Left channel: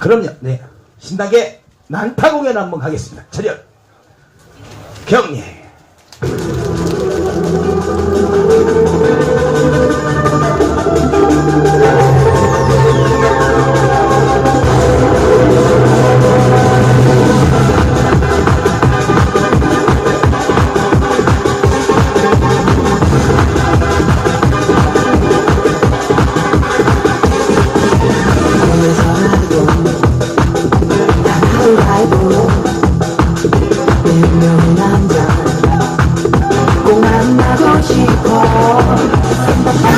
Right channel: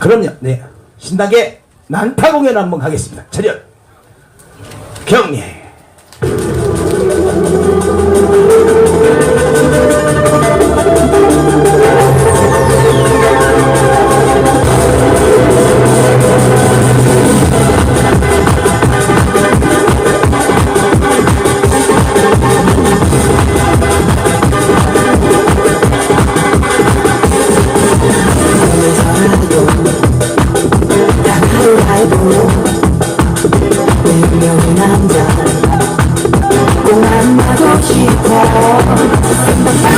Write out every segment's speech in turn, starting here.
그럼요. 네. 신나게 난타 공연 한번 가겠습니다. 차렷. 경례. 만나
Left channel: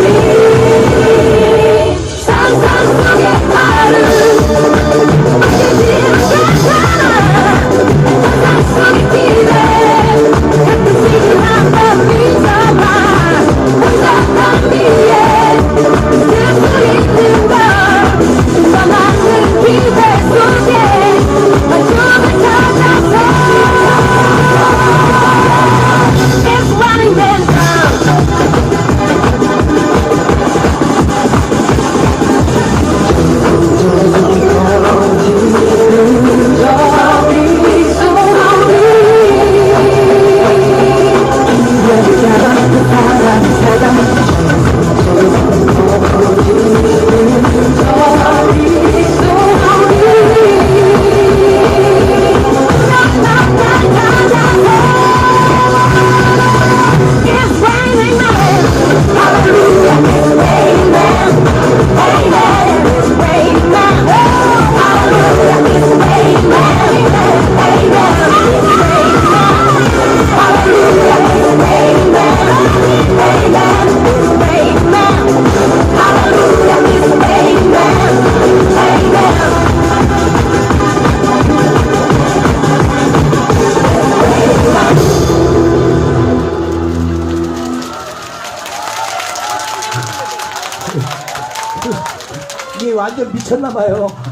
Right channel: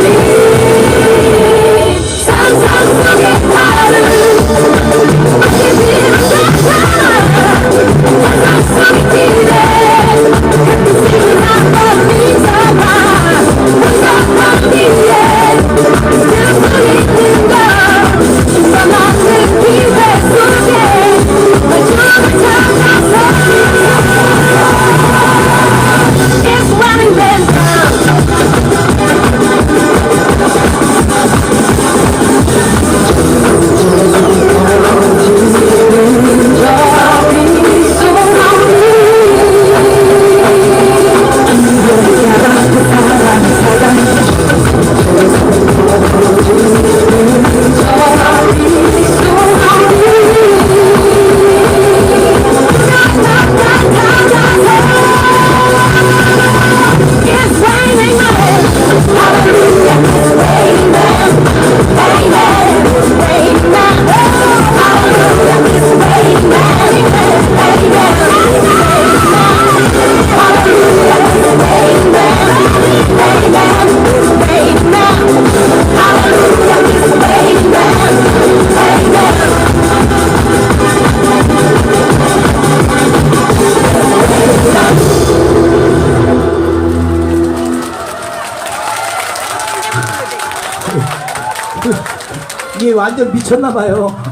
이게 완전 미쳤나봐요.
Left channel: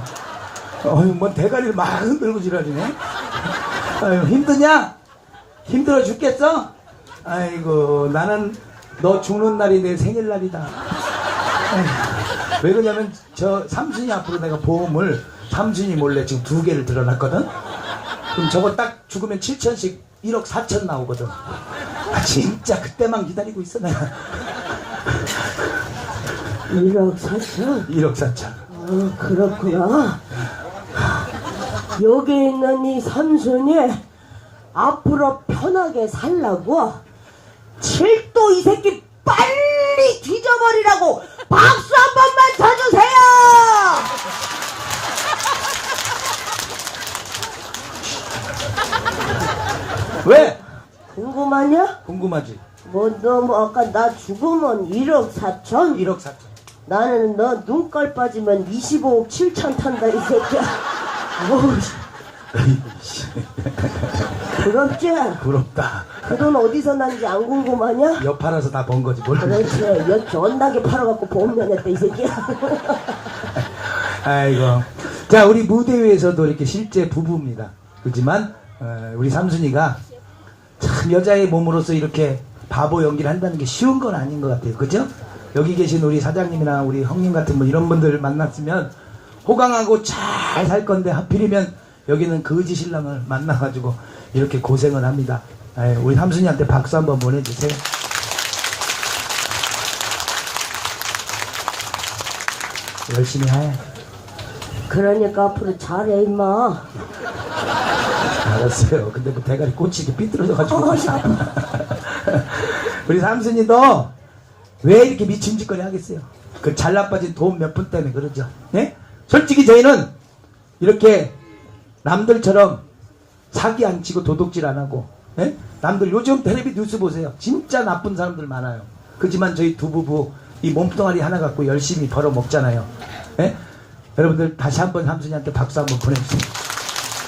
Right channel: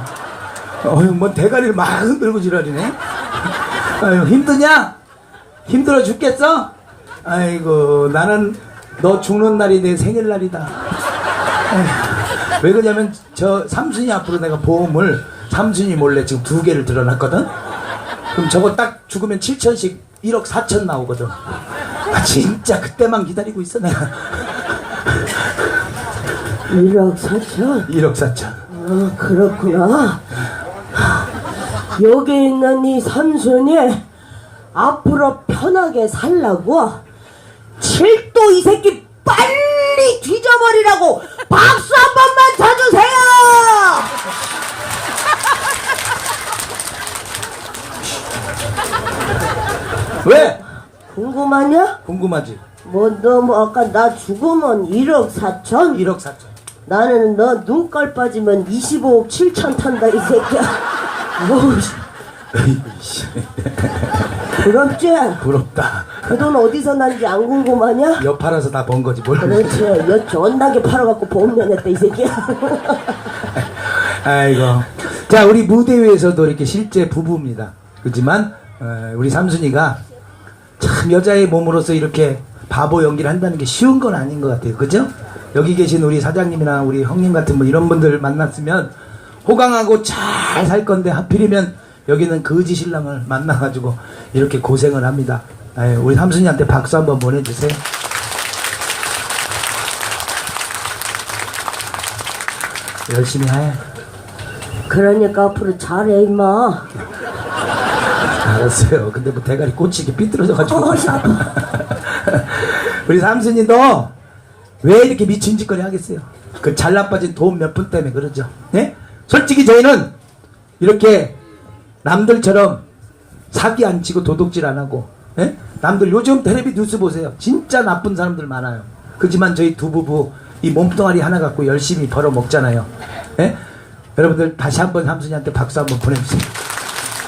어휴, 뭐 대가리를 막 흔들고 지랄이네. 아유, 힘드냐? 힘들어 죽겠어? 아이고, 나는 너 죽는 날이 내 생일날이다. 에휴, 왜 그러냐면, 저 삼순이 앞으로 내가 보험을 삼순이 몰래 지금 두 개를 들어놨거든? 그럼 저거 딱 죽으면 7천씩 1억 4천 나오거든. 아, 진짜 그때만 기다리고 있어, 내가. 1억 4천? 1억 4천. 아, 그렇구나. 여기 있는 이 삼순이 앞으로 편하게 살라고 칠도 이 새끼 빨리 뒤져버리라고 박수 한 번만 쳐주세요! 왜? 궁금하냐? 궁금하지? 뭐 너 뭐 아까 나 죽으면 1억 4천? 1억 4천. 나는 너 눈깔 빠지면 25억 7천 탄다 이 새끼야. 어우, 씨. 부럽지? 부럽다. 그 돈 어디서 난지 안 궁금하냐? 여 팔아서 다 번 거지 뭘. 그렇지. 여 존나게 팔아갖고 보험면했다 이 새끼야. 아이고. 자 우리 무대 위에서도 이렇게 실제 부부입니다. 그렇지만 어, 우리 삼순이가 참 여자의 몸으로서 이렇게 바보 연기를 한다는 게 쉬운 건 아닌 것 같아요. 그죠? 여기 계신 우리 사장님이나 우리 형님 같은 분 이런 분들 만났으면 호강하고 잘 살 건데 하필이면 여기는 거지 신랑을 만나가지고 이렇게 고생을 합니다. 아유, 우리 삼순이한테 박수 한번 보내주세요. 열심히 해. 그러니까 앞으로 잘해 임마 알았어요. 근데 뭐 대가리 꽂히게 삐뚤어져가지고. 어, 아파. 우리 삼순이도 왜 이렇게 미친 짓거리 하겠어요? 그 잘나빠진 돈 몇 푼 때문에 그러죠. 네? 솔직히 저희는 이렇게 남들처럼 사기 안 치고 도둑질 안 하고, 예? 남들 요즘 텔레비 뉴스 보세요. 진짜 나쁜 사람들 많아요. 그지만 저희 두 부부 이 몸뚱아리 하나 갖고 열심히 벌어 먹잖아요. 예? 여러분들 다시 한번 삼순이한테 박수 한번 보내주세요.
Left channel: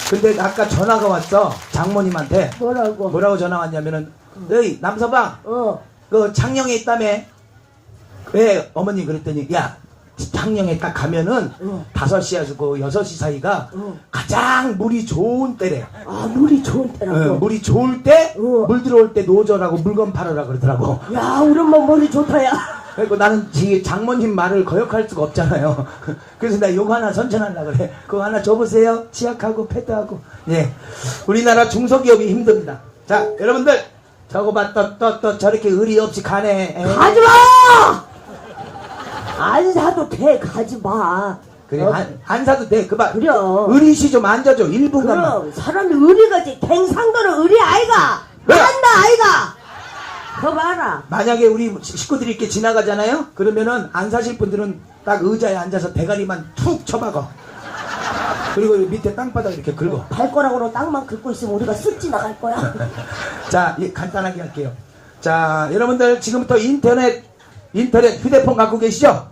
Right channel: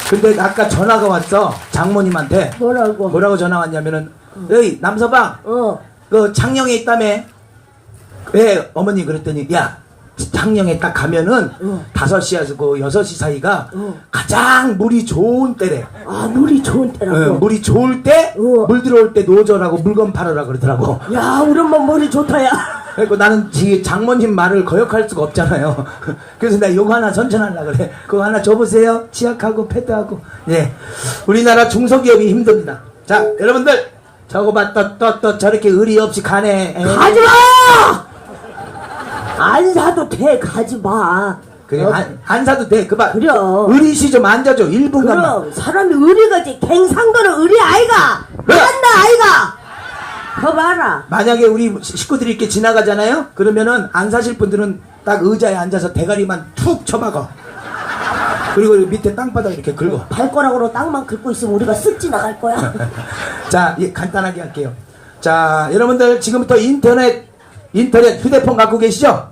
근데 아까 전화가 왔어. 장모님한테. 뭐라고 뭐라고 전화 왔냐면은 에이 남서방 어 그 창녕에 있다며 왜 어머니 그랬더니 야 창녕에 딱 가면은 응. 다섯 시에서 그 여섯 시 사이가 응. 가장 물이 좋은 때래 아, 물이 좋은 때라고. 응, 물이 좋을 때 응. 물 들어올 때 노절하고 물건 팔으라 그러더라고 야, 우리 엄마 머리 좋다, 야. 그리고 나는 지 장모님 말을 거역할 수가 없잖아요 그래서 내가 요거 하나 선전하려 그래 그거 하나 줘보세요 치약하고 패드하고 예 우리나라 중소기업이 힘듭니다 자 여러분들 저거 봐 또또또 저렇게 의리 없이 가네 에. 가지 마! 안 사도 돼, 가지 마. 그래 어? 안, 안 사도 돼 그봐 그래요. 의리씨 좀 앉아줘 1분간만 그럼, 사람이 의리가지. 갱상도는 의리 아이가. 왜? 한다, 아이가. 그거 봐라. 만약에 우리 식구들이 이렇게 지나가잖아요 그러면은 안 사실 분들은 딱 의자에 앉아서 대가리만 툭 쳐박아 그리고 밑에 땅바닥 이렇게 긁어 발가락으로 땅만 긁고 있으면 우리가 쓱 지나갈 거야. 자 예, 간단하게 할게요 자 여러분들 지금부터 인터넷 인터넷 휴대폰 갖고 계시죠